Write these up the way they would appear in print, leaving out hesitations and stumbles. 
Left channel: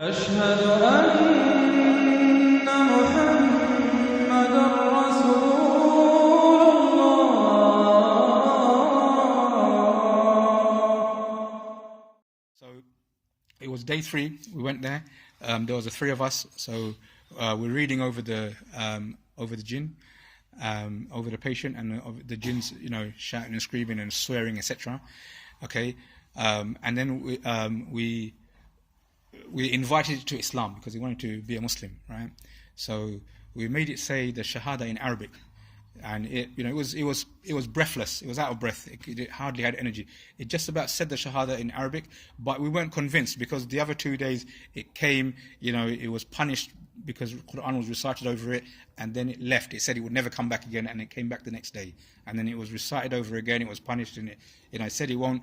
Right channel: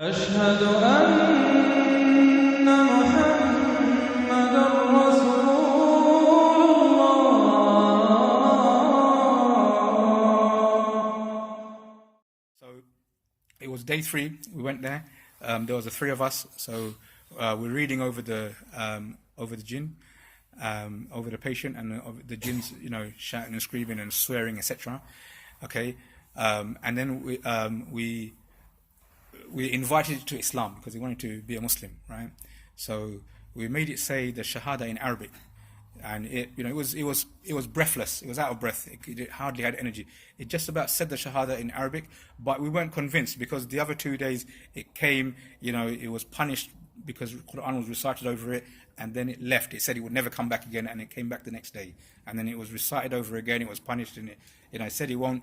أشهد أن محمد رسول الله. So it was day 3. We went there. There was the 3 of us. So we're reading over the jinn, over the patient, and the jinns, shouting and screaming and swearing, etc. Okay, and then we invited it to Islam because we wanted to be a Muslim, right? So we made it say the Shahada in Arabic, and it was breathless. It was out of breath. It hardly had energy. It just about said the Shahada in Arabic, but we weren't convinced because the other 2 days it came. It was punished because Quran was recited over it, and then it left. It said it would never come back again, and it came back the next day, and then it was recited over again. It was punished, and it said it won't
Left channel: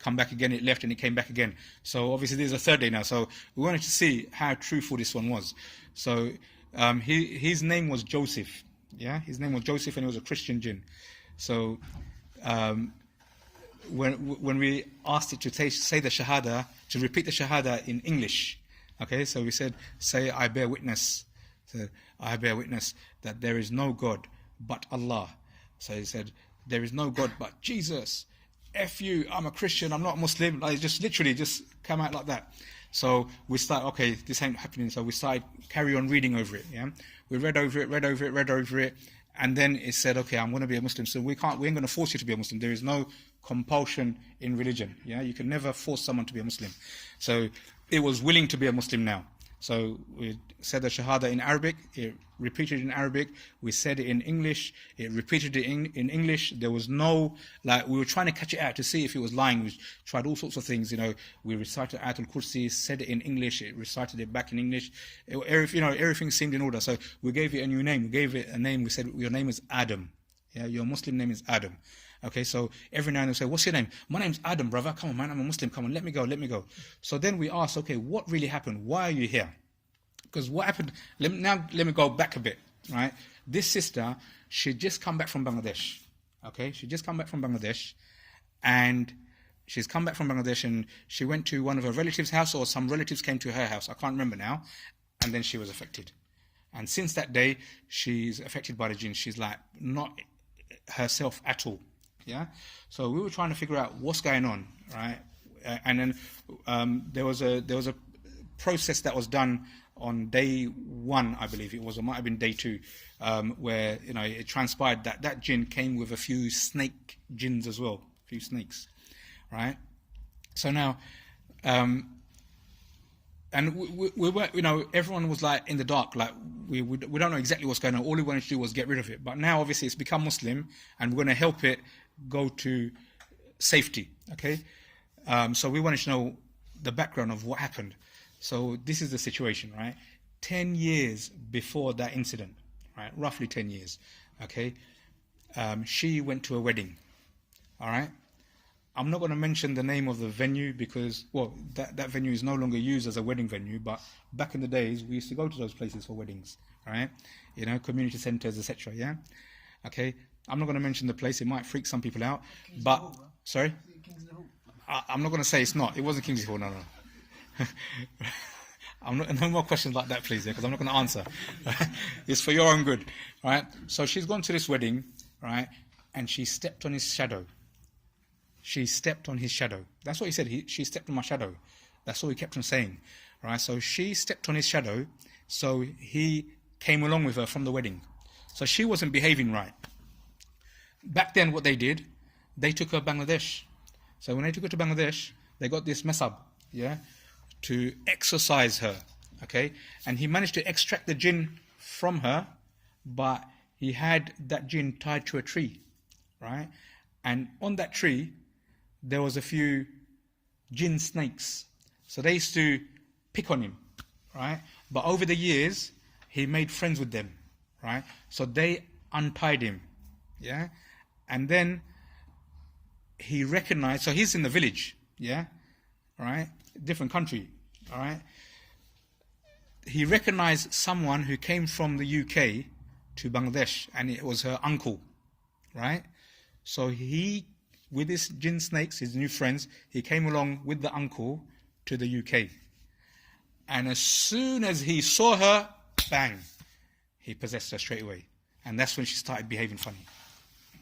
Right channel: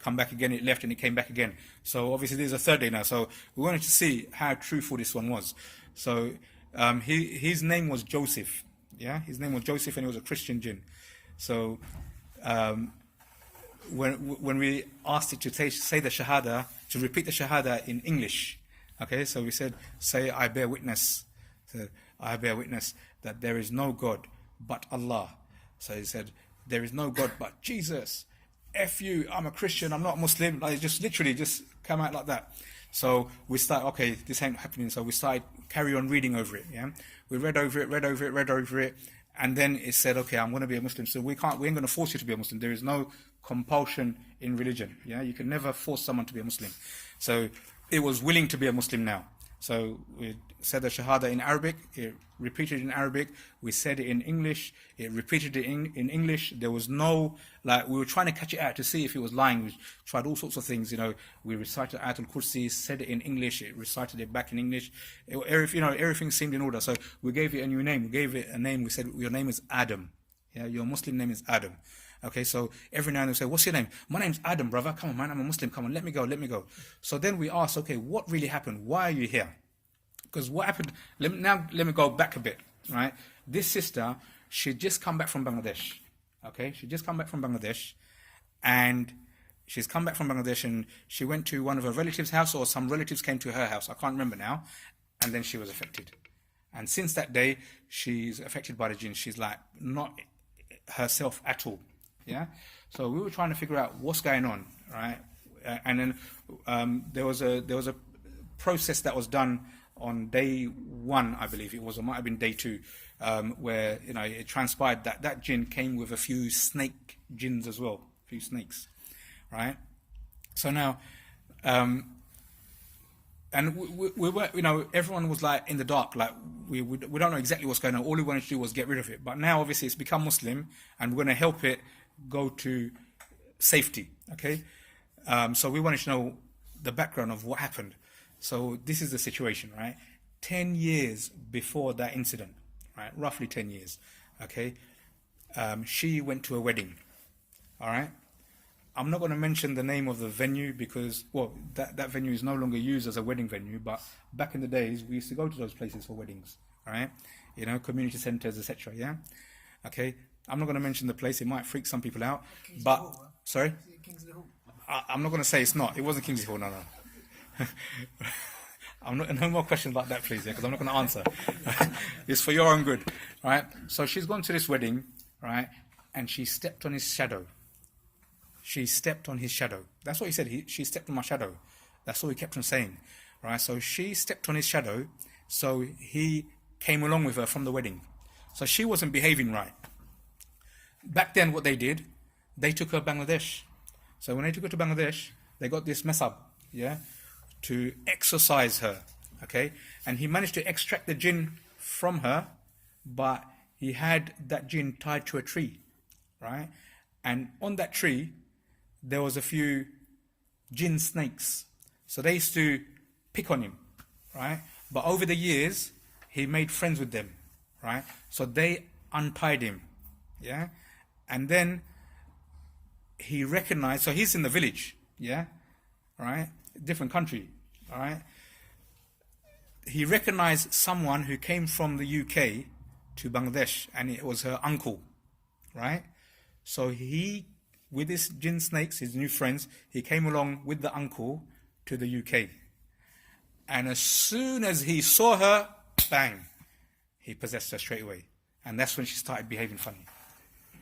come back again. It left and it came back again. So obviously there's a 3rd day now. So we wanted to see how truthful this one was. So his name was Joseph. Yeah, his name was Joseph, and he was a Christian jinn. So when we asked it to say the Shahada, to repeat the Shahada in English, okay, so we said, say, I bear witness. So I bear witness that there is no God but Allah. So he said, there is no God but Jesus. F you, I'm a Christian, I'm not a Muslim. Like, just literally just come out like that. So we started, okay, this ain't happening. So we started carry on reading over it. Yeah, we read over it, and then it said, okay, I'm going to be a Muslim. So we ain't going to force you to be a Muslim. There is no compulsion in religion. Yeah, you can never force someone to be a Muslim. So it was willing to be a Muslim now. So we said the Shahada in Arabic, it repeated in Arabic, we said it in English, it repeated it in English. There was no, we were trying to catch it out to see if it was lying. We tried all sorts of things, we recited Ayatul Kursi, said it in English, it recited it back in English. Everything seemed in order. So we gave it a new name, we gave it a name, we said, your name is Adam. Yeah, your Muslim name is Adam. Okay, so every now and then we say, what's your name? My name's Adam, brother. Come on, man, I'm a Muslim. Come on, let me go. So then we asked, okay, what really happened? Why are you here? Because what happened, let me go back a bit, right? This sister, she'd just come back from Bangladesh. Okay, she'd just come back from Bangladesh, and she's come back from Bangladesh, and she went to one of her relatives' house, or some relatives came to her house. I can't remember now. And then she was affected. And since that day, she's affected by the jinn. She's like not herself at all. Yeah, so we were trying to figure out what's going on, right? And then there was a process that was done on day 1, I believe it was, or might have been day 2, where it transpired that jinn came with a few snake jinns as well, a few snakes, right? So now, and we were, everyone was like in the dark, like we don't know exactly what's going on. All we wanted to do was get rid of it. But now, obviously, it's become Muslim, and we're going to help it go to safety. Okay, so we wanted to know the background of what happened. So this is the situation, right? 10 years before that incident, right? Roughly 10 years. Okay, she went to a wedding. All right. I'm not going to mention the name of the venue because, well, that venue is no longer used as a wedding venue, but back in the days, we used to go to those places for weddings, right? Community centres, etc. Yeah? Okay? I'm not going to mention the place. It might freak some people out. But, sorry? I'm not going to say it's not. It wasn't Kingsley Hall, no. No more questions like that, please, because I'm not going to answer. It's for your own good, right? So she's gone to this wedding, right? And she stepped on his shadow. She stepped on his shadow. That's what he said. She stepped on my shadow. That's all he kept on saying. Right? So she stepped on his shadow. So he came along with her from the wedding. So she wasn't behaving right. Back then, what they did, they took her to Bangladesh. So when they took her to Bangladesh, they got this mess up, to exorcise her. Okay? And he managed to extract the jinn from her, but he had that jinn tied to a tree. Right? And on that tree, there was a few jinn snakes. So they used to pick on him, right? But over the years, he made friends with them, right? So they untied him, yeah? And then he recognized, so he's in the village, yeah? Right? Different country, all right? He recognized someone who came from the UK to Bangladesh, and it was her uncle, right? So he, with his jinn snakes, his new friends, he came along with the uncle to the UK. And as soon as he saw her, bang, he possessed her straight away. And that's when she started behaving funny.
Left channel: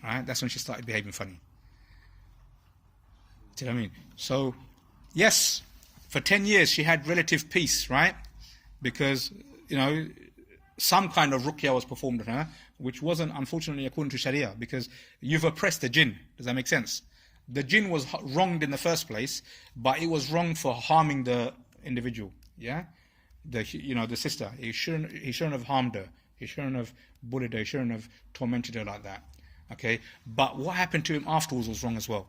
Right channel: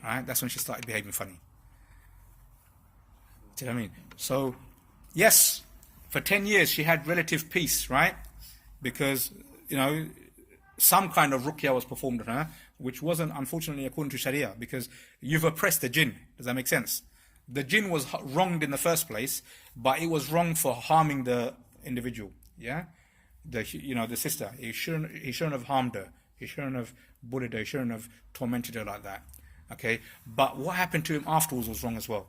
Right? That's when she started behaving funny. Do you know what I mean? So, yes, for 10 years she had relative peace, right? Because, some kind of ruqya was performed on her, which wasn't, unfortunately, according to Sharia, because you've oppressed the jinn. Does that make sense? The jinn was wronged in the first place, but it was wrong for harming the individual, yeah? The sister. He shouldn't have harmed her. He shouldn't have bullied her. He shouldn't have tormented her like that, okay? But what happened to him afterwards was wrong as well.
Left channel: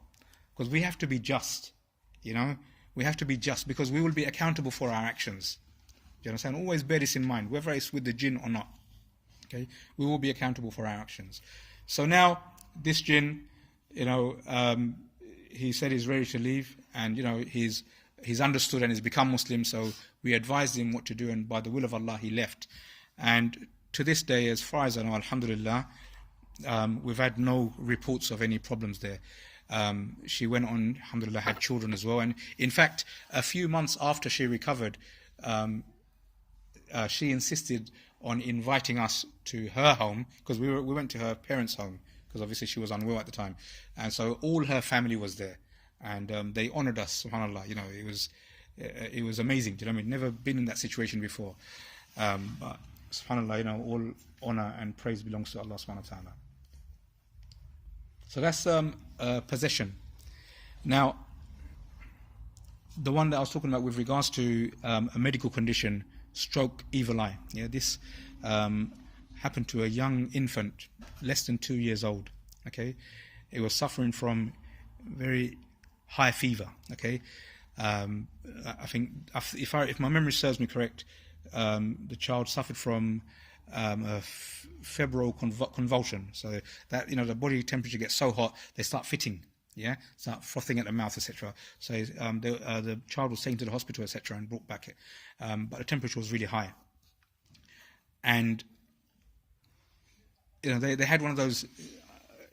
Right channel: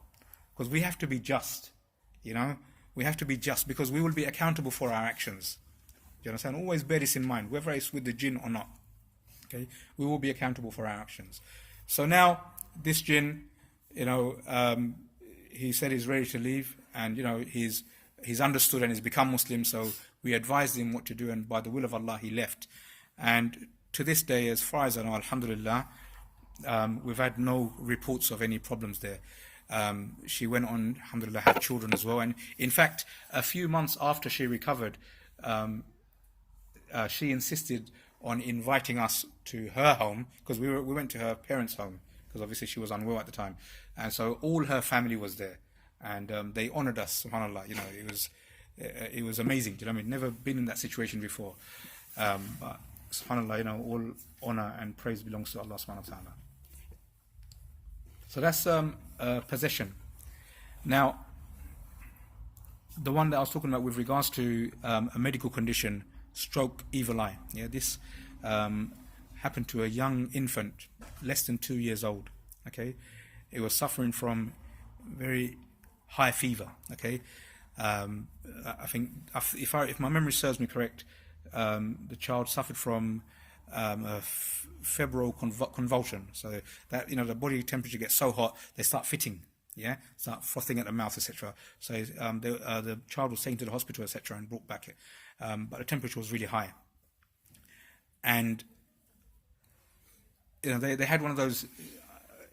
Because we have to be just, We have to be just, because we will be accountable for our actions. Do you understand? Always bear this in mind, whether it's with the jinn or not. Okay, we will be accountable for our actions. So now this jinn, he said he's ready to leave, and he's understood and he's become Muslim. So we advised him what to do, and by the will of Allah, he left. And to this day, as far as I know, alhamdulillah, we've had no reports of any problems there. She went on, alhamdulillah, had children as well. And in fact, a few months after she recovered, she insisted on inviting us to her home, because we went to her parents' home, because obviously she was unwell at the time, and so all her family was there, and they honoured us. Subhanallah, it was amazing. Do you know what I mean? Never been in that situation before, but subhanallah, all honour and praise belongs to Allah subhanahu wa ta'ala. So that's possession. Now, the one that I was talking about with regards to a medical condition, stroke, evil eye. Yeah, this happened to a young infant, less than 2 years old. Okay, it was suffering from very high fever. Okay, I think if my memory serves me correct, the child suffered from a febrile convulsion. So that the body temperature gets so hot, they start fitting. Yeah, start frothing at the mouth, etc. So the child was taken to the hospital, etc., and brought back. But the temperature was really high, and they had one of those.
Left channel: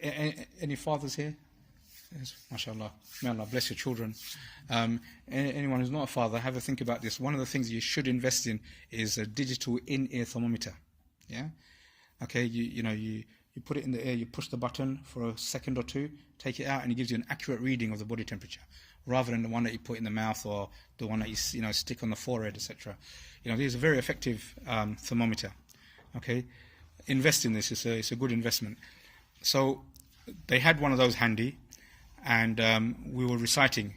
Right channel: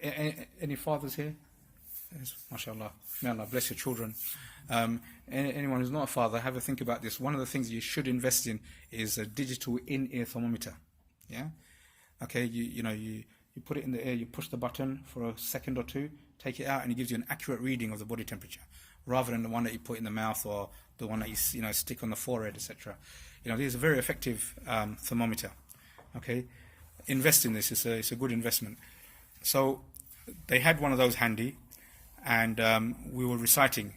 Any fathers here? Yes, mashallah, may Allah bless your children. Anyone who's not a father, have a think about this. One of the things you should invest in is a digital in-ear thermometer. Yeah, okay. You put it in the ear, you push the button for a second or two, take it out, and it gives you an accurate reading of the body temperature, rather than the one that you put in the mouth or the one that you stick on the forehead, etc. This is a very effective thermometer. Okay, invest in this. It's a good investment. So they had one of those handy, and we were reciting,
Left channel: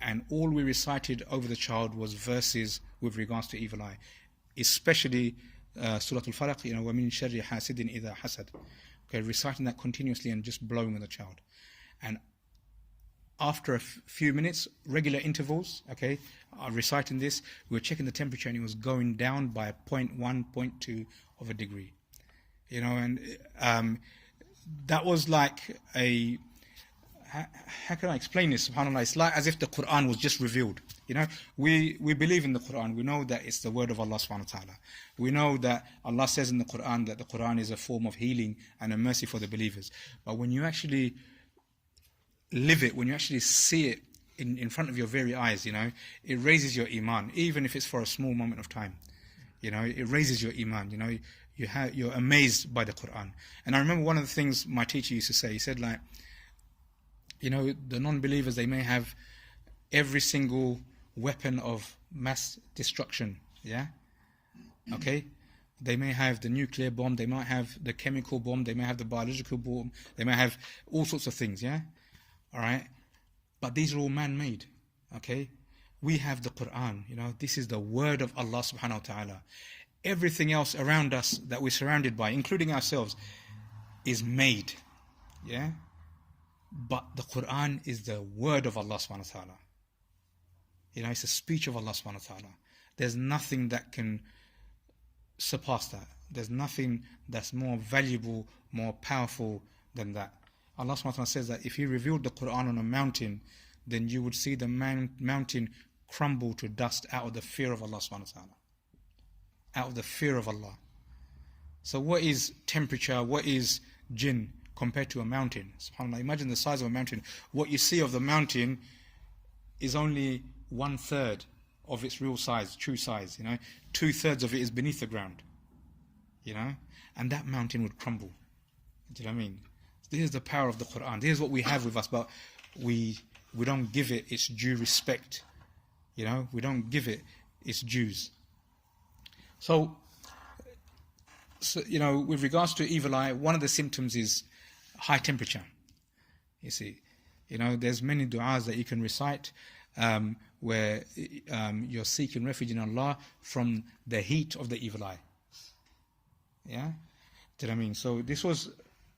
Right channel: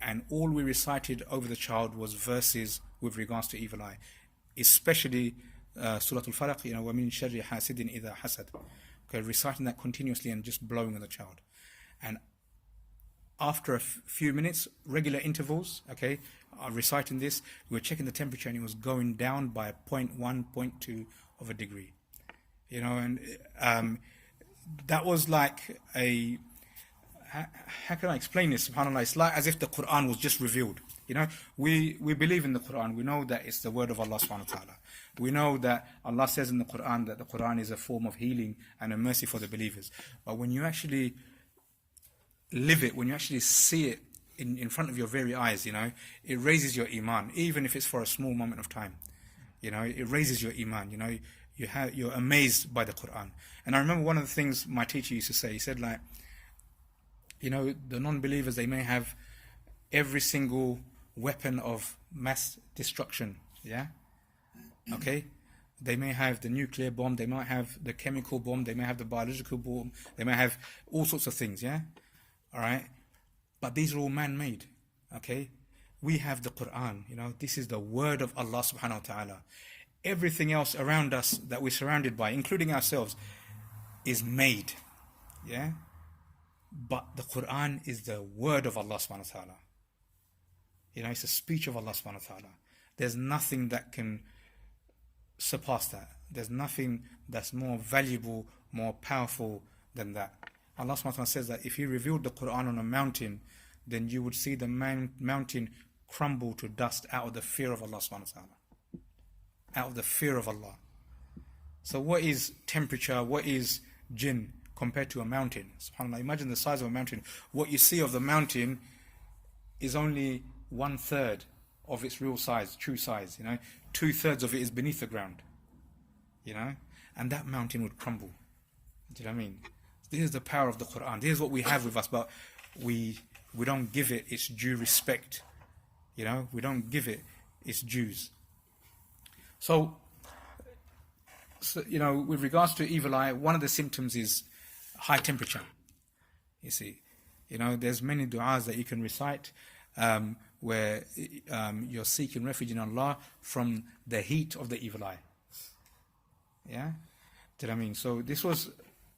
and all we recited over the child was verses with regards to evil eye, especially Surah Al-Falaq, وَمِن شَرِّ حَاسِدٍ إِذَا حَسَدٍ. Okay, reciting that continuously and just blowing on the child. And after a few minutes, regular intervals, okay, reciting this, we were checking the temperature, and it was going down by 0.1, 0.2 of a degree. And that was like how can I explain this? SubhanAllah, it's like as if the Quran was just revealed. We believe in the Quran. We know that it's the word of Allah subhanahu wa ta'ala. We know that Allah says in the Quran that the Quran is a form of healing and a mercy for the believers. But when you actually live it, when you actually see it in front of your very eyes, it raises your iman, even if it's for a small moment of time. It raises your iman. You're amazed by the Quran. And I remember one of the things my teacher used to say. He said, the non-believers, they may have every single weapon of mass destruction. Yeah. Okay, they may have the nuclear bomb, they might have the chemical bomb, they may have the biological bomb, they may have all sorts of things, yeah? All right? But these are all man-made, okay? We have the Quran, this is the word of Allah subhanahu wa ta'ala. Everything else around us that we're surrounded by, including ourselves, is made, yeah? But the Quran is the word of Allah subhanahu wa ta'ala. It's a speech of Allah subhanahu wa ta'ala. There's nothing that can surpass that. There's nothing that's more valuable, more powerful than that. Allah subhanahu wa ta'ala says that if He revealed the Quran on a mountain, then you would see the mountain crumble to dust out of the fear of Allah subhanahu wa ta'ala. Out of the fear of Allah. So what is temperature, what is jinn compared to a mountain? SubhanAllah, imagine the size of a mountain. What you see of the mountain is only 1/3 of its real size, true size, 2/3 of it is beneath the ground, and that mountain would crumble. Do you know what I mean? This is the power of the Quran. This is what we have with us, but we don't give it its due respect. We don't give it its dues. So, with regards to evil eye, one of the symptoms is high temperature. You see, there's many du'as that you can recite where you're seeking refuge in Allah from the heat of the evil eye. Yeah? Do you know what I mean? So this was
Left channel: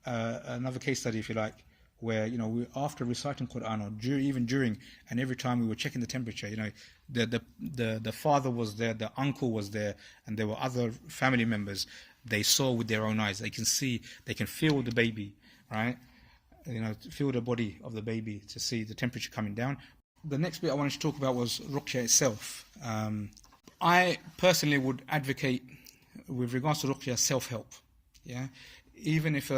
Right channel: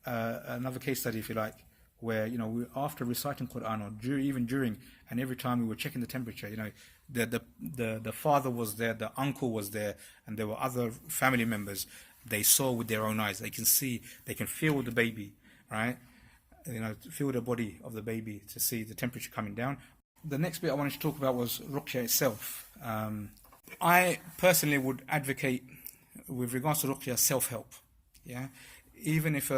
another case study, if you like, where, we, after reciting Quran, or even during, and every time we were checking the temperature, the father was there, the uncle was there, and there were other family members. They saw with their own eyes. They can see, they can feel the baby, right? Feel the body of the baby to see the temperature coming down. The next bit I wanted to talk about was ruqya itself. I personally would advocate, with regards to ruqya, self-help. Yeah, even if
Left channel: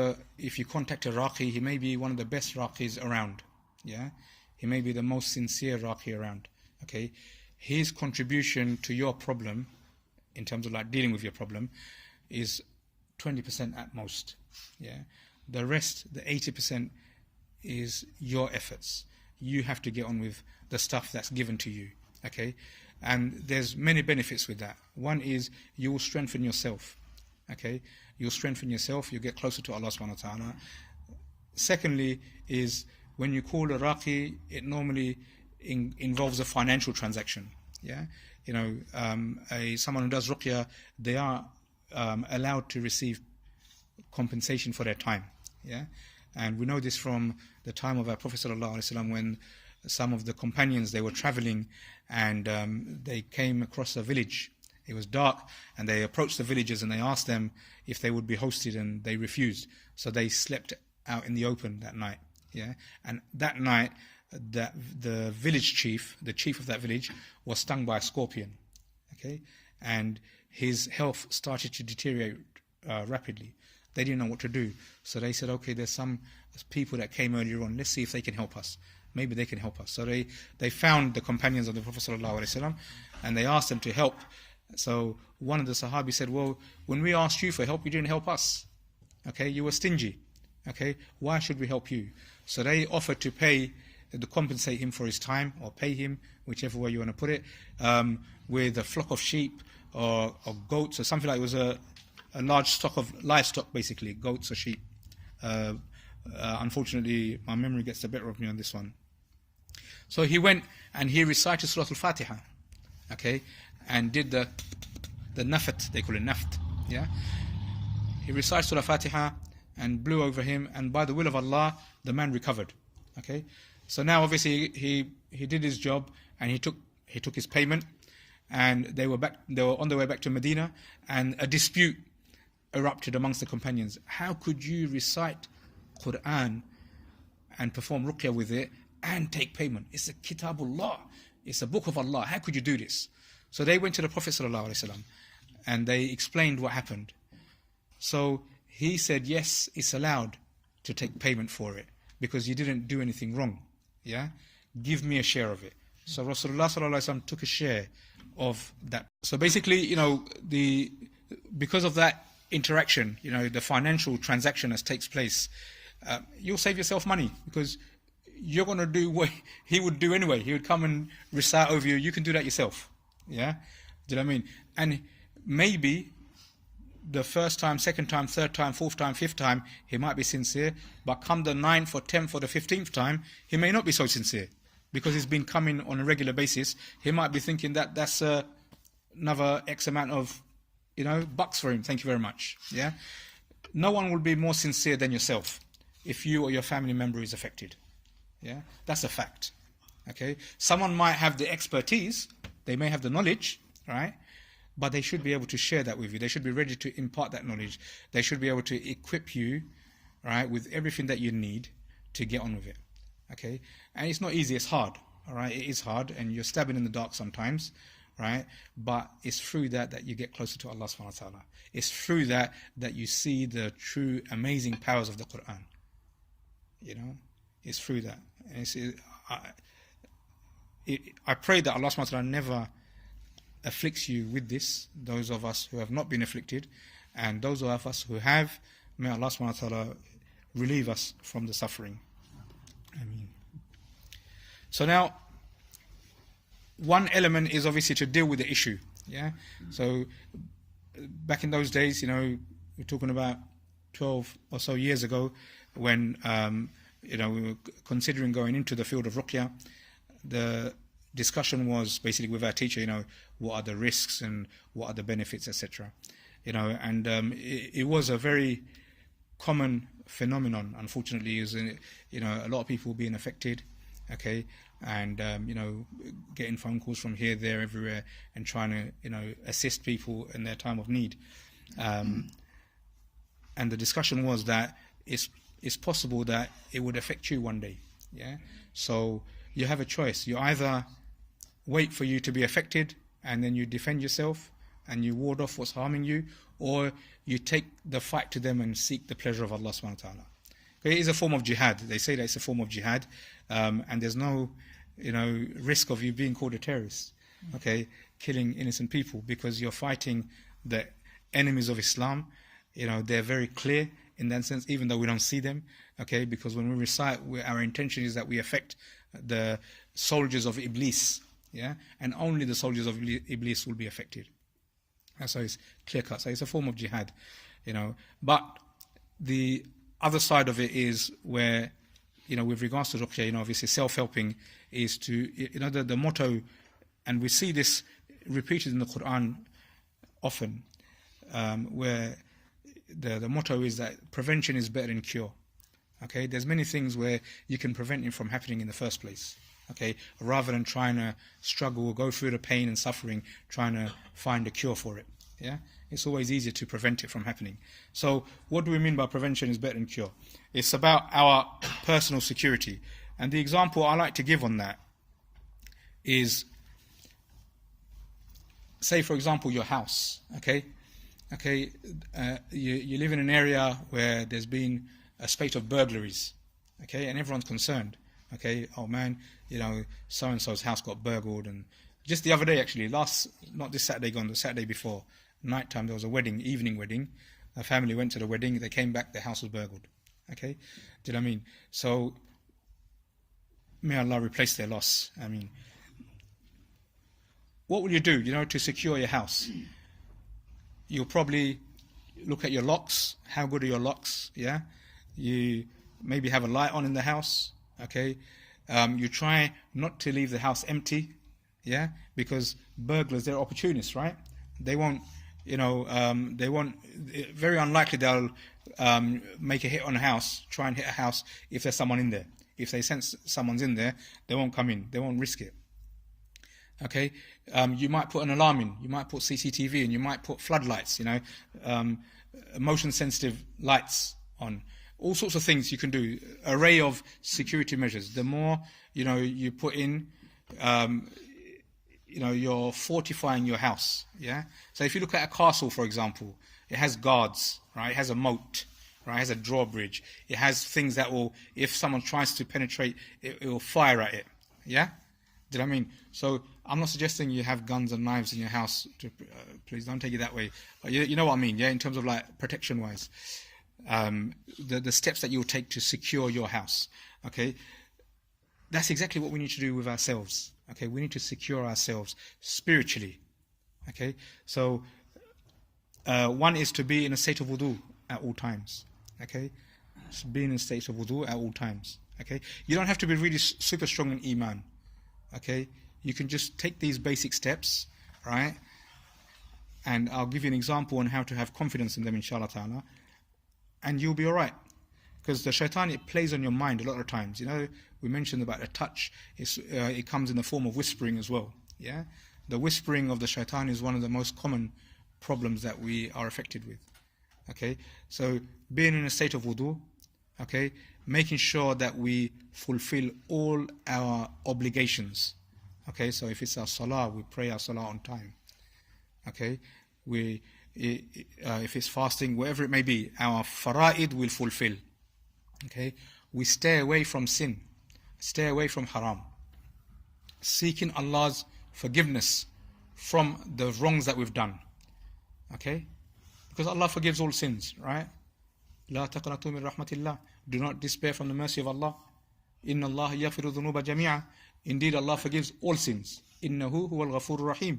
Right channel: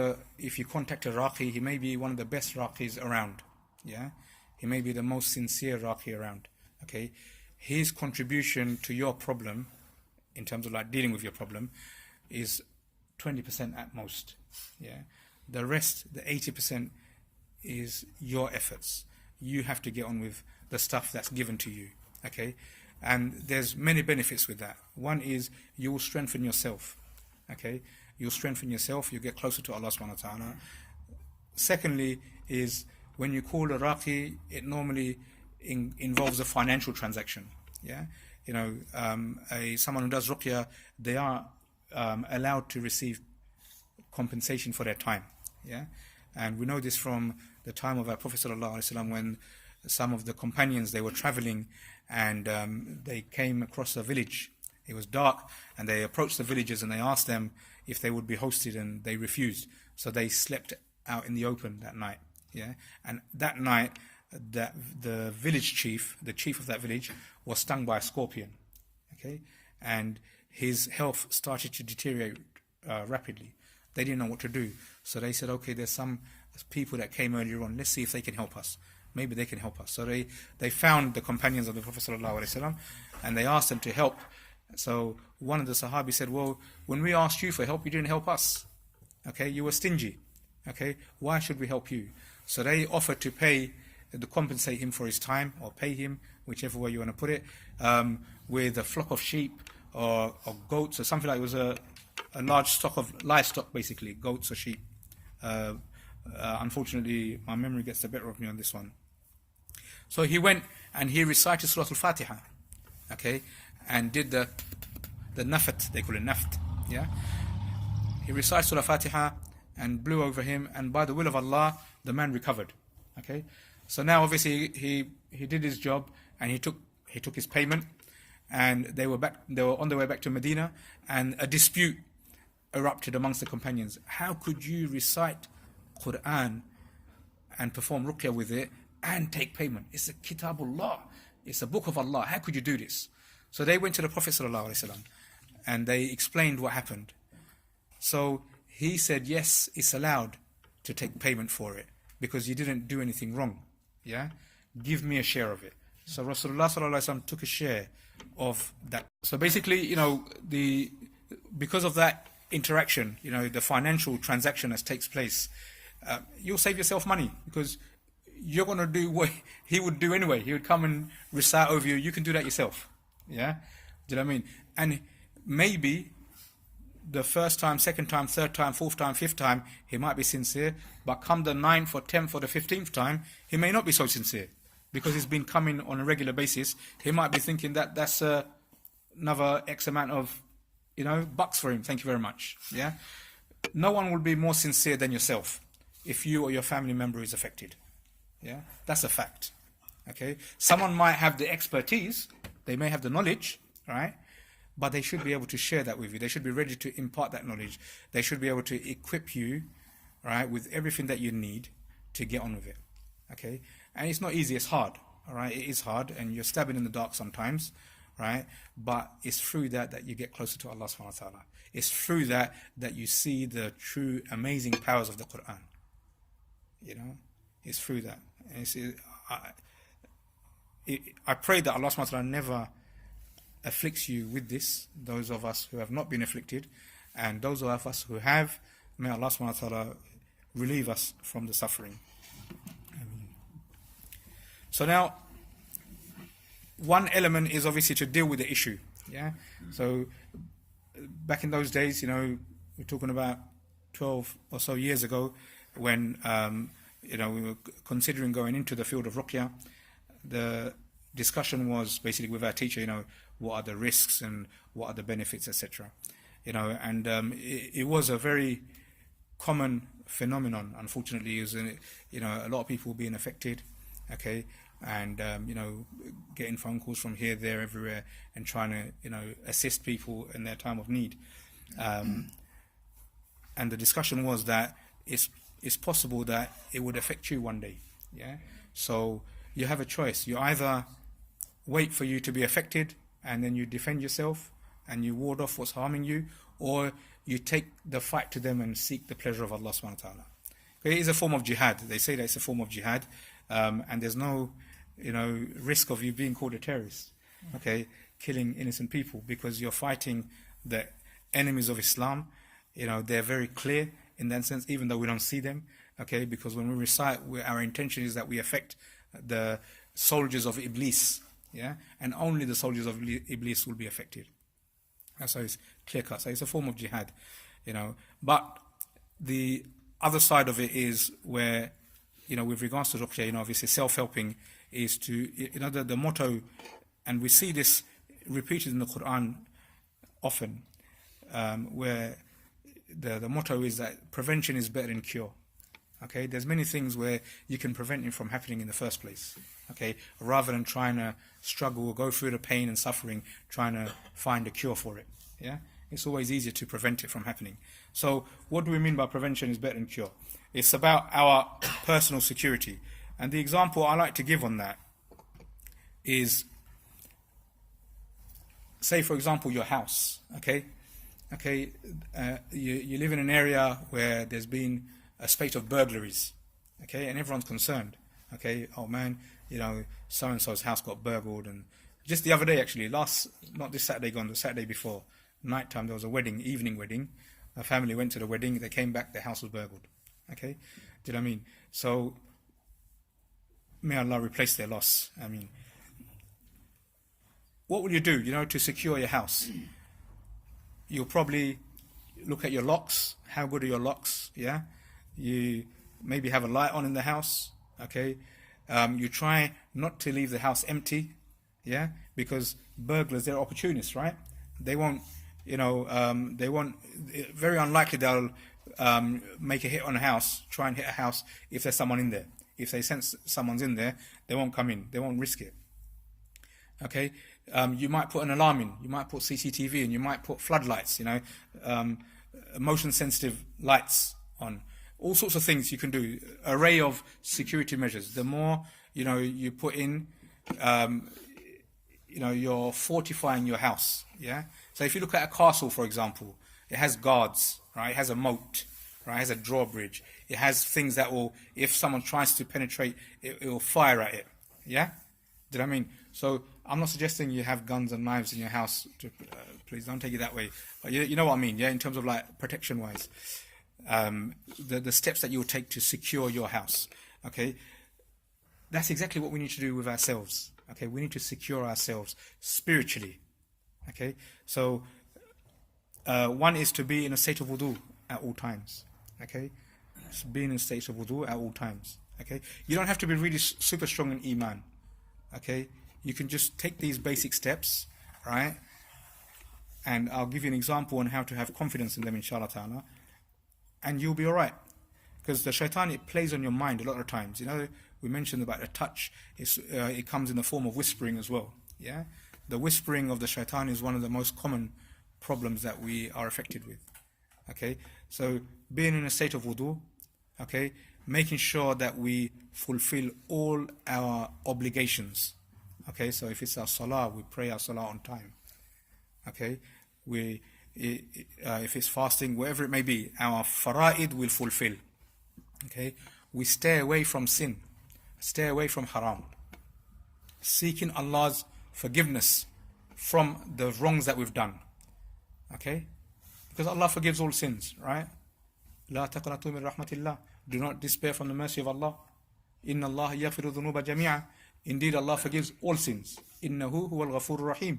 you contact a raqi, he may be one of the best raqis around. Yeah, he may be the most sincere raqi around. Okay, his contribution to your problem, in terms of like dealing with your problem, is 20% at most. Yeah, the rest, the 80%, is your efforts. You have to get on with the stuff that's given to you. Okay, and there's many benefits with that. One is you will strengthen yourself. Okay, you'll strengthen yourself. You'll get closer to Allah subhanahu wa ta'ala. Secondly is when you call a raqi, it normally involves a financial transaction. Yeah, someone who does ruqya, they are allowed to receive compensation for their time. Yeah, and we know this from the time of our Prophet sallallahu alaihi wasallam, when some of the companions, they were traveling and they came across a village. It was dark, and they approached the villagers and they asked them if they would be hosted, and they refused. So they slept out in the open that night. Yeah, and that night, the village chief, the chief of that village, was stung by a scorpion. Okay, and his health started to deteriorate rapidly. They didn't know what to do, so they said, okay, there's some people that came earlier on, let's see if they can help us. Maybe they can help us. So they found the companions of the Prophet ﷺ, and they asked them to help. So one of the Sahabi said, well, when we asked you for help, you didn't help us. Okay, you were stingy. Okay, why should we help you? So they offered to compensate him for his time, or pay him, whichever way you want to put it, with a flock of sheep or goats or something like it. was a large stock of livestock, basically, goats or sheep. Unfortunately, my memory gets the better of me on this one. So he went and he recited Surah Al-Fatiha, okay, and did the nafat, they call it naft, yeah. He recited Surah Al-Fatiha and blew over him, and by the will of Allah, the man recovered, okay. So now, obviously, he did his job, and he took his payment, and they were on their way back to Medina, and a dispute erupted amongst the companions. How could you recite Quran and perform ruqya with it and take payment? It's a kitabullah, it's a book of Allah. How could you do this? So they went to the Prophet ﷺ and they explained what happened. So he said, yes, it's allowed to take payment for it because you didn't do anything wrong. Yeah, give me a share of it. So Rasulullah ﷺ took a share of that. So basically, because of that interaction, the financial transaction that takes place, you'll save yourself money, because you're going to do what he would do anyway. He would come and recite over you. You can do that yourself. Yeah? Do you know what I mean? And maybe the first time, second time, third time, fourth time, fifth time, he might be sincere, but come the 9th or 10th or the 15th time, he may not be so sincere, because he's been coming on a regular basis. He might be thinking that that's another X amount of bucks for him. Thank you very much. Yeah? No one will be more sincere than yourself if you or your family member is affected. Yeah? That's a fact. Okay? Someone might have the expertise, they may have the knowledge, right? But they should be able to share that with you. They should be ready to impart that knowledge. They should be able to equip you, right, with everything that you need to get on with it. Okay? And it's not easy, it's hard. All right? It is hard, and you're stabbing in the dark sometimes. Right, but it's through that you get closer to Allah subhanahu wa ta'ala. It's through that you see the true amazing powers of the Quran. It's through that. And I pray that Allah subhanahu wa ta'ala never afflicts you with this, those of us who have not been afflicted, and those of us who have, may Allah subhanahu wa ta'ala relieve us from the suffering. Ameen. So now, one element is obviously to deal with the issue. Yeah. So back in those days, we're talking about 12 or so years ago, when we were considering going into the field of ruqya. The discussion was basically with our teacher, what are the risks and what are the benefits, etc. And it was a very common phenomenon, unfortunately, is a lot of people being affected, okay, and getting phone calls from here, there, everywhere, and trying to assist people in their time of need. And the discussion was that it's possible that it would affect you one day. Yeah, so you have a choice. You either wait for you to be affected and then you defend yourself and you ward off what's harming you, or you take the fight to them and seek the pleasure of Allah subhanahu wa ta'ala. It is a form of jihad. They say that it's a form of jihad, and there's no risk of you being called a terrorist, okay, killing innocent people, because you're fighting the enemies of Islam. They're very clear in that sense, even though we don't see them, okay, because when we recite, our intention is that we affect the soldiers of Iblis, yeah, and only the soldiers of Iblis will be affected. So it's clear cut. So it's a form of jihad, But the other side of it is where, with regards to ruqya, obviously self-helping is to, the motto, and we see this repeated in the Quran often, where the motto is that prevention is better than cure. Okay, there's many things where you can prevent it from happening in the first place. Okay, rather than trying to struggle or go through the pain and suffering, trying to find a cure for it. Yeah, it's always easier to prevent it from happening. So, what do we mean by prevention is better than cure? It's about our personal security, and the example I like to give on that is, say for example, your house. You live in an area where there's been a spate of burglaries, okay, and everyone's concerned. Okay, oh man, so and so's house got burgled, and just the other day, actually, not this Saturday gone, the Saturday before, nighttime, there was a wedding, evening wedding. A family went to the wedding, they came back, their house was burgled. Okay, do you know what I mean? So may Allah replace their loss. I mean, what will you do, to secure your house? You'll probably look at your locks. How good are your locks? Yeah, you maybe have a light on in the house. Okay, you try not to leave the house empty. Yeah, because burglars, they're opportunists, right? They won't, very unlikely they'll make a hit on a house, try and hit a house if there's someone in there. If they sense someone's in there, they won't come in. They won't risk it. Okay, you might put an alarm in, you might put CCTV in, you might put floodlights, motion sensitive lights on, all sorts of things you can do, array of security measures. The more, you put in, you're fortifying your house, yeah? So if you look at a castle, for example, it has guards, right? It has a moat, right? It has a drawbridge. It has things that will, if someone tries to penetrate, it will fire at it, yeah? Do you know what I mean? So I'm not suggesting you have guns and knives in your house. Please don't take it that way. But you know what I mean, yeah? In terms of like protection-wise, the steps that you will take to secure your house. Okay, that's exactly what we need to do with ourselves. Okay, we need to secure ourselves spiritually. Okay, so one is to be in a state of wudu at all times. Okay, so being in a state of wudu at all times. Okay, you don't have to be really super strong in iman. Okay, you can just take these basic steps, right? And I'll give you an example on how to have confidence in them, inshallah ta'ala, and you'll be all right. Because the shaitan, it plays on your mind a lot of times. We mentioned about a touch. It comes in the form of whispering as well. Yeah, the whispering of the shaitan is one of the most common problems that we are affected with. Okay, so being in a state of wudu, okay, making sure that we fulfill all our obligations. Okay, so if it's our salah, we pray our salah on time. Okay, if it's fasting, whatever it may be, our fara'id will fulfill. Okay, we stay away from sin, stay away from haram, seeking Allah's forgiveness from the wrongs that we've done. Okay? Because Allah forgives all sins, right? لا تقنطوا من رحمة الله. Do not despair from the mercy of Allah. إن الله يغفر الذنوب جميعا. Indeed, Allah forgives all sins. إنه هو الغفور الرحيم.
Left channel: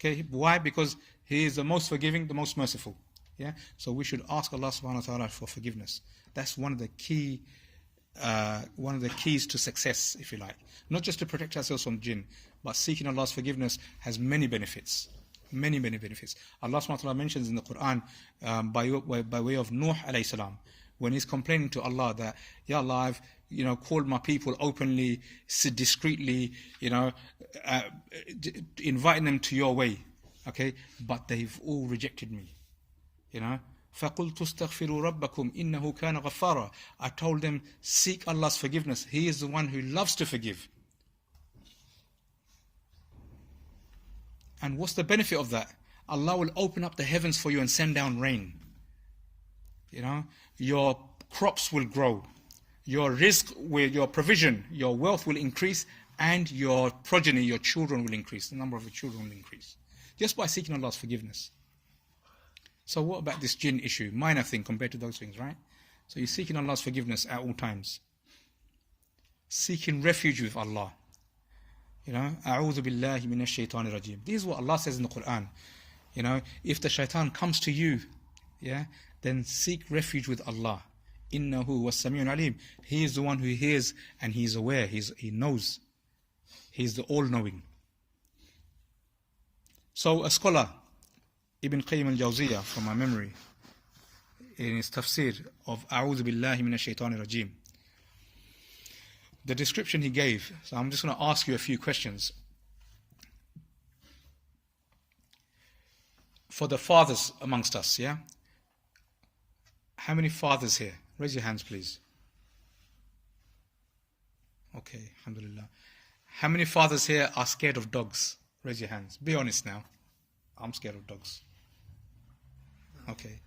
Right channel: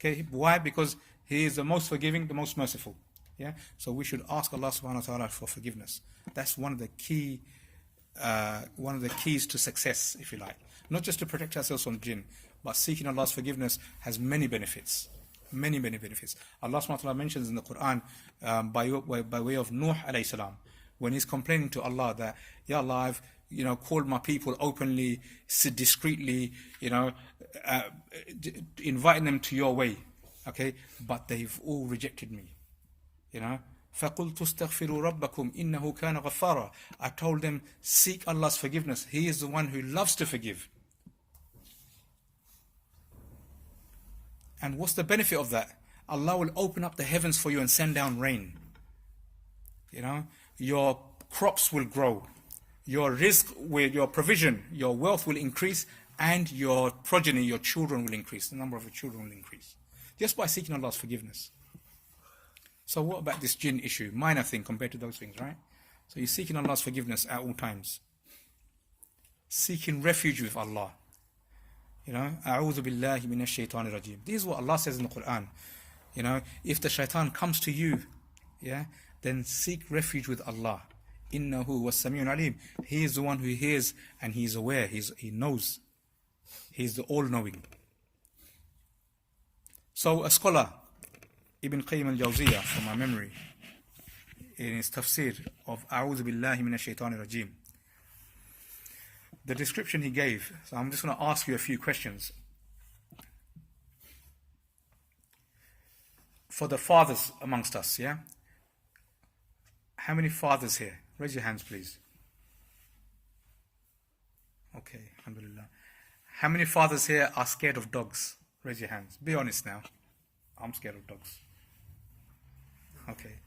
Okay, why? Because He is the most forgiving, the most merciful. Yeah. So we should ask Allah subhanahu wa taala for forgiveness. That's one of the keys to success, if you like. Not just to protect ourselves from jinn, but seeking Allah's forgiveness has many benefits. Many benefits. Allah subhanahu wa ta'ala mentions in the Quran by way of Nuh alayhi salam, when he's complaining to Allah that, Ya Allah, I've called my people openly, discreetly, inviting them to your way, okay, but they've all rejected me, فَقُلْتُ اسْتَغْفِرُوا رَبَّكُمْ إِنَّهُ كَانَ غَفَّارًا. I told them, seek Allah's forgiveness. He is the one who loves to forgive. And what's the benefit of that? Allah will open up the heavens for you and send down rain. Your crops will grow. Your rizq, your provision, your wealth will increase, and your progeny, your children will increase. The number of your children will increase. Just by seeking Allah's forgiveness. So what about this jinn issue? Minor thing compared to those things, right? So you're seeking Allah's forgiveness at all times. Seeking refuge with Allah. أعوذ بالله من الشيطان الرجيم. This is what Allah says in the Quran. If the shaitan comes to you, then seek refuge with Allah. إنه هو السميع العليم. He is the one who hears and He is aware. He knows. He is the all-knowing. So a scholar, Ibn Qayyim al-Jawziyah, from my memory, in his tafsir of أعوذ بالله من الشيطان الرجيم, the description he gave, so I'm just going to ask you a few questions. For the fathers amongst us, How many fathers here? Raise your hands, please. Okay, alhamdulillah. How many fathers here are scared of dogs? Raise your hands. Be honest now. I'm scared of dogs. Okay.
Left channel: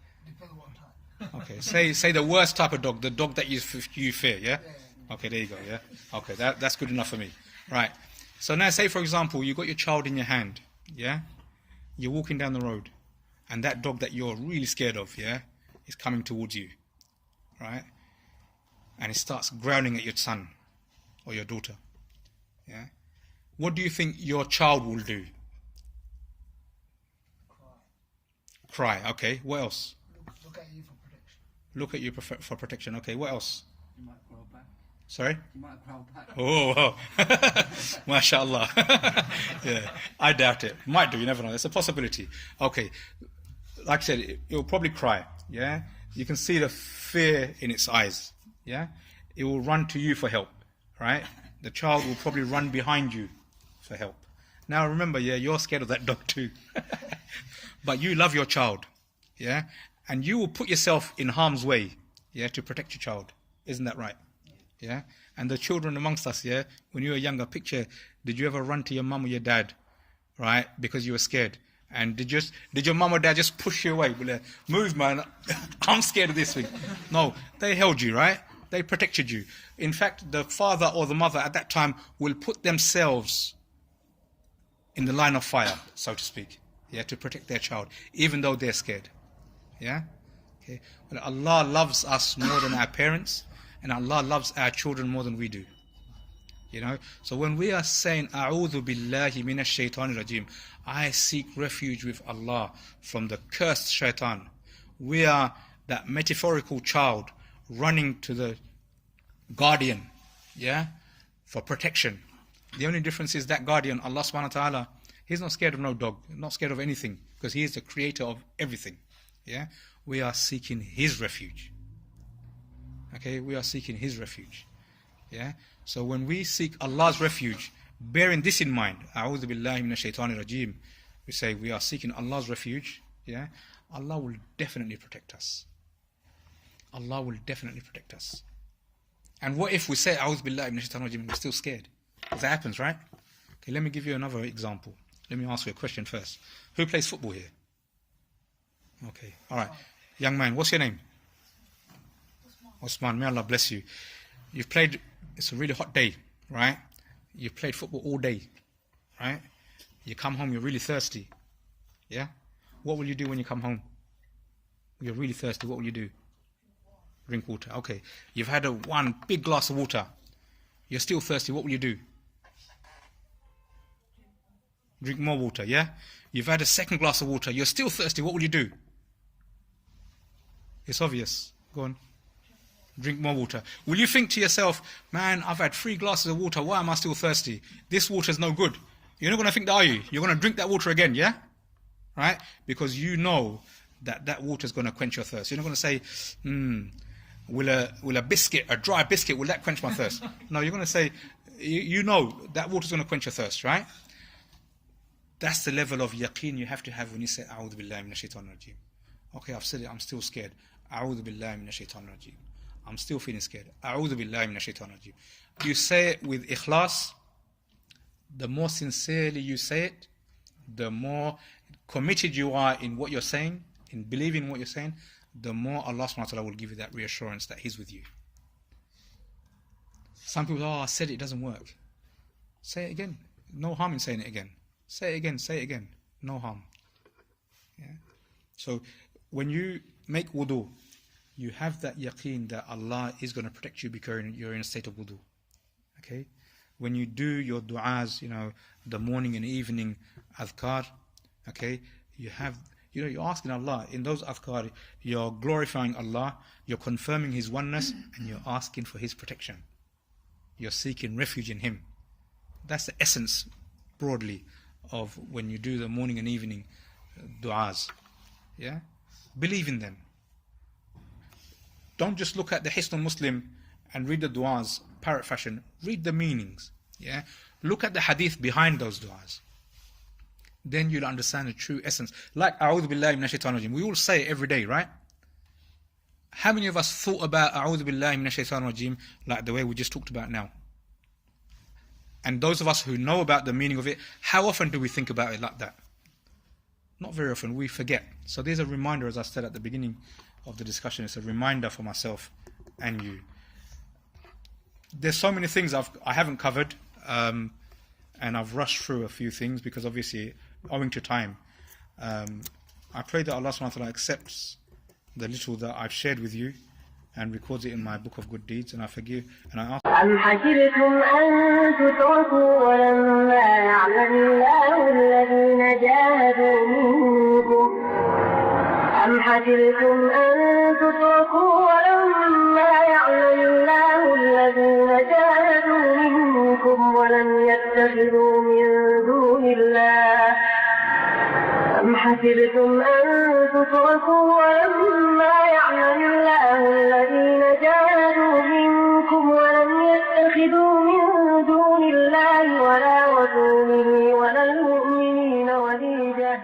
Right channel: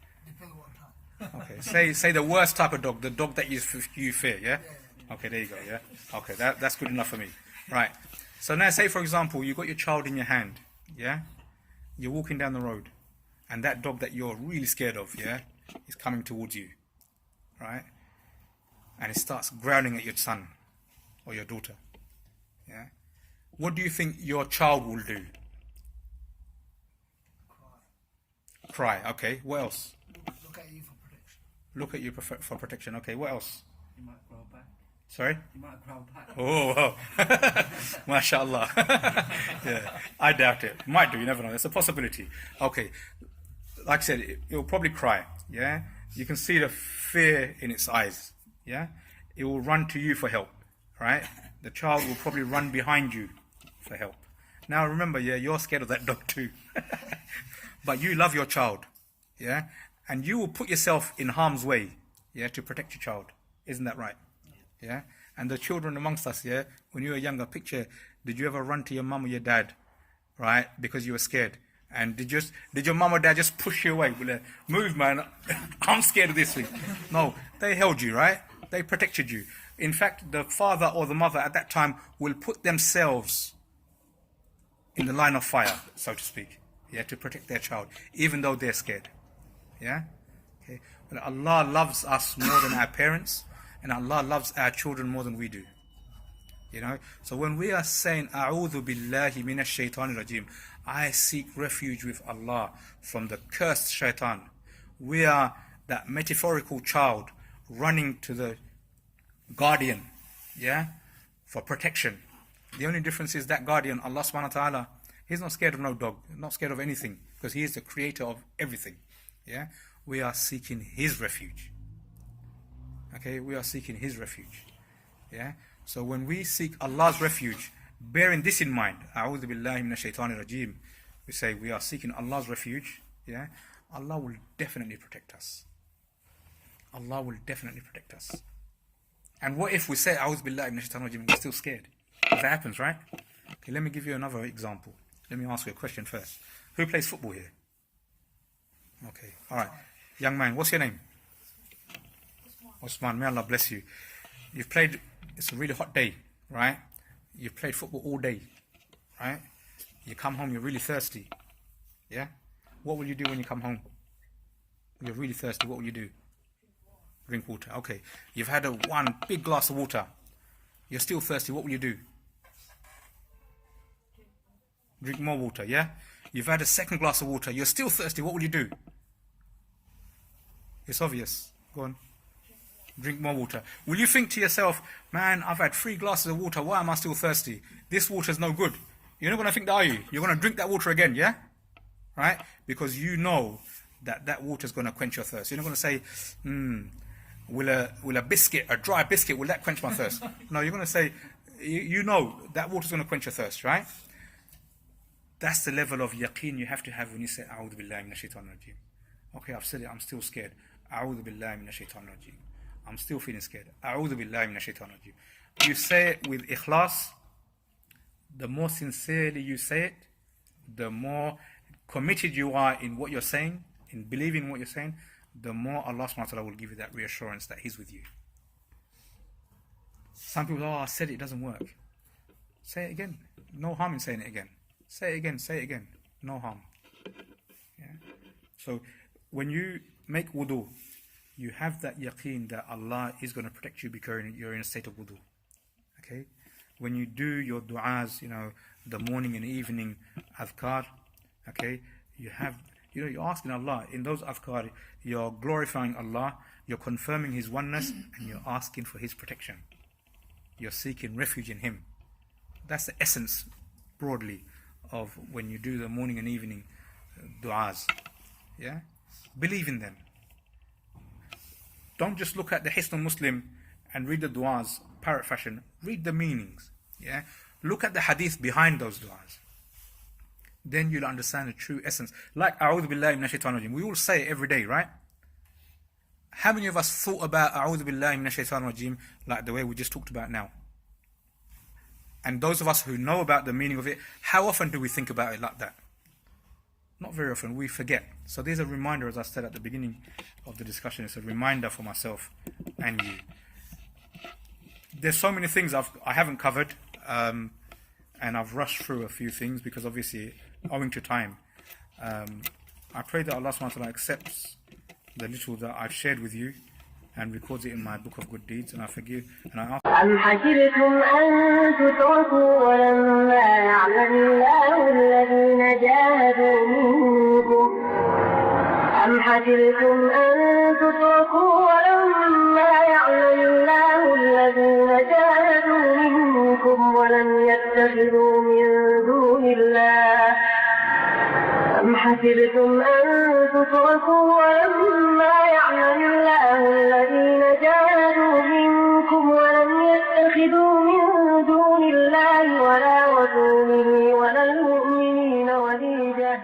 Okay. Say the worst type of dog, the dog that you fear, yeah? Okay, there you go, yeah? Okay, that's good enough for me. Right. So now say, for example, you've got your child in your hand, yeah? You're walking down the road, and that dog that you're really scared of, is coming towards you, right? And it starts growling at your son or your daughter, yeah? What do you think your child will do? Cry. Okay, what else? Look at you for protection. Look at you for protection. Okay, what else? You might grow back. Sorry? You might grow back. Oh, wow. MashaAllah. Yeah, I doubt it. Might do, you never know. It's a possibility. Okay, like I said, it will probably cry, yeah? You can see the fear in its eyes, yeah? It will run to you for help, right? The child will probably run behind you for help. Now remember, you're scared of that dog too. But you love your child, yeah? And you will put yourself in harm's way, to protect your child. Isn't that right? Yeah? And the children amongst us, when you were younger, picture, did you ever run to your mum or your dad, right? Because you were scared. And did your mum or dad just push you away? Move, man. I'm scared of this thing. No, they held you, right? They protected you. In fact, the father or the mother at that time will put themselves in the line of fire, so to speak, to protect their child, even though they're scared. Yeah? Okay. But Allah loves us more than our parents, and Allah loves our children more than we do. So when we are saying A'udhu billahi minash shaitanir rajim, I seek refuge with Allah from the cursed shaitan, we are that metaphorical child running to the guardian, for protection. The only difference is that guardian, Allah subhanahu wa ta'ala, He's not scared of no dog, not scared of anything, because He is the creator of everything. We are seeking His refuge. Okay, we are seeking His refuge. So when we seek Allah's refuge, bearing this in mind, A'udhu billahi minash shaitanir rajim, we say we are seeking Allah's refuge, Allah will definitely protect us. Allah will definitely protect us. And what if we say A'udhu billahi minash shaitanir rajim and we're still scared? Because that happens, right? Okay, let me give you another example. Let me ask you a question first. Who plays football here? Okay, alright. Young man, what's your name? Osman, may Allah bless you. You've played, it's a really hot day, right? You've played football all day, right? You come home, you're really thirsty. Yeah? What will you do when you come home? You're really thirsty, what will you do? Drink water. Okay. You've had one big glass of water. You're still thirsty, what will you do? Drink more water, yeah? You've had a second glass of water. You're still thirsty, what will you do? It's obvious. Go on. Drink more water. Will you think to yourself, man, I've had 3 glasses of water, why am I still thirsty? This water's no good. You're not going to think that, are you? You're going to drink that water again, yeah? Right? Because you know that water's going to quench your thirst. You're not going to say, will a biscuit, a dry biscuit, will that quench my thirst? No, you're going to say, you know that water's going to quench your thirst, right? That's the level of yaqeen you have to have when you say, A'udhu billahi minash shaitanir rajim. Okay, I've said it, I'm still scared. A'udhu billahi minash shaitanir rajim. I'm still feeling scared. A'udhu billahi minash shaitanir rajim. You say it with ikhlas. The more sincerely you say it, the more committed you are in what you're saying, in believing what you're saying, the more Allah subhanahu wa ta'ala will give you that reassurance that He's with you. Some people, I said it doesn't work. Say it again. No harm in saying it again. Say it again. No harm. Yeah? So when you make wudu, you have that yaqeen that Allah is going to protect you because you're in a state of wudu. Okay? When you do your du'as, the morning and evening adhkar, okay, you're asking Allah, in those adhkar, you're glorifying Allah, you're confirming His oneness, and you're asking for His protection. You're seeking refuge in Him. That's the essence, broadly, of when you do the morning and evening du'as. Yeah? Believe in them. Don't just look at the Hisn Muslim and read the du'as, parrot fashion. Read the meanings. Yeah? Look at the hadith behind those du'as. Then you'll understand the true essence. Like A'udhu billahi minash shaitanir rajim. We all say it every day, right? How many of us thought about A'udhu billahi minash shaitanir rajim like the way we just talked about now? And those of us who know about the meaning of it, how often do we think about it like that? Not very often. We forget. So there's a reminder, as I said at the beginning of the discussion. It's a reminder for myself and you. There's so many things I haven't covered, and I've rushed through a few things because obviously, owing to time. I pray that Allah subhanahu wa ta'ala accepts the little that I've shared with you and records it in my book of good deeds, and I forgive and I ask. أم حسبتم أن تتركوا ولما يعلم الله الذين جاهدوا منكم أم حسبتم أن تتركوا ولما يعلم الله الذين جاهدوا منكم ولم يتخذوا من دون الله أم حسبتم أن تتركوا ولما يعلم الله الذين جاهدوا منكم ولم يتخذوا من دون الله ولا رسوله ولا المؤمنين وليجة